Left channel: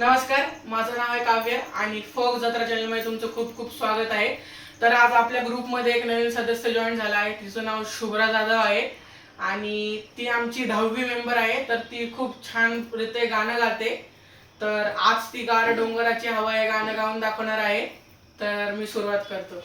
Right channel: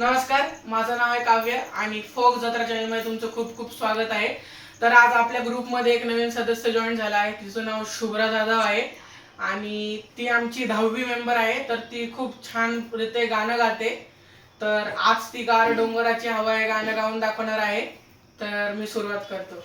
नमस्कार, माझं नाव आहे काव्य आणि फोक जत्रा चॅनलमध्ये तुमचं खूप खूप स्वागत आहे। तर आज आपल्या ग्रुपमध्ये एक नवीन सदस्य जॉईन झाला आहे, तिचं नाव शुभ्रा जाधव आहे आणि ती आमची 10वी मेंबर आहे। तर ती खूप छान रिते गाणं गाते। तर आज ती गार डोंगराची हवा हे गाणं गाऊन दाखवणार आहे। तर मी सुरुवात करतो।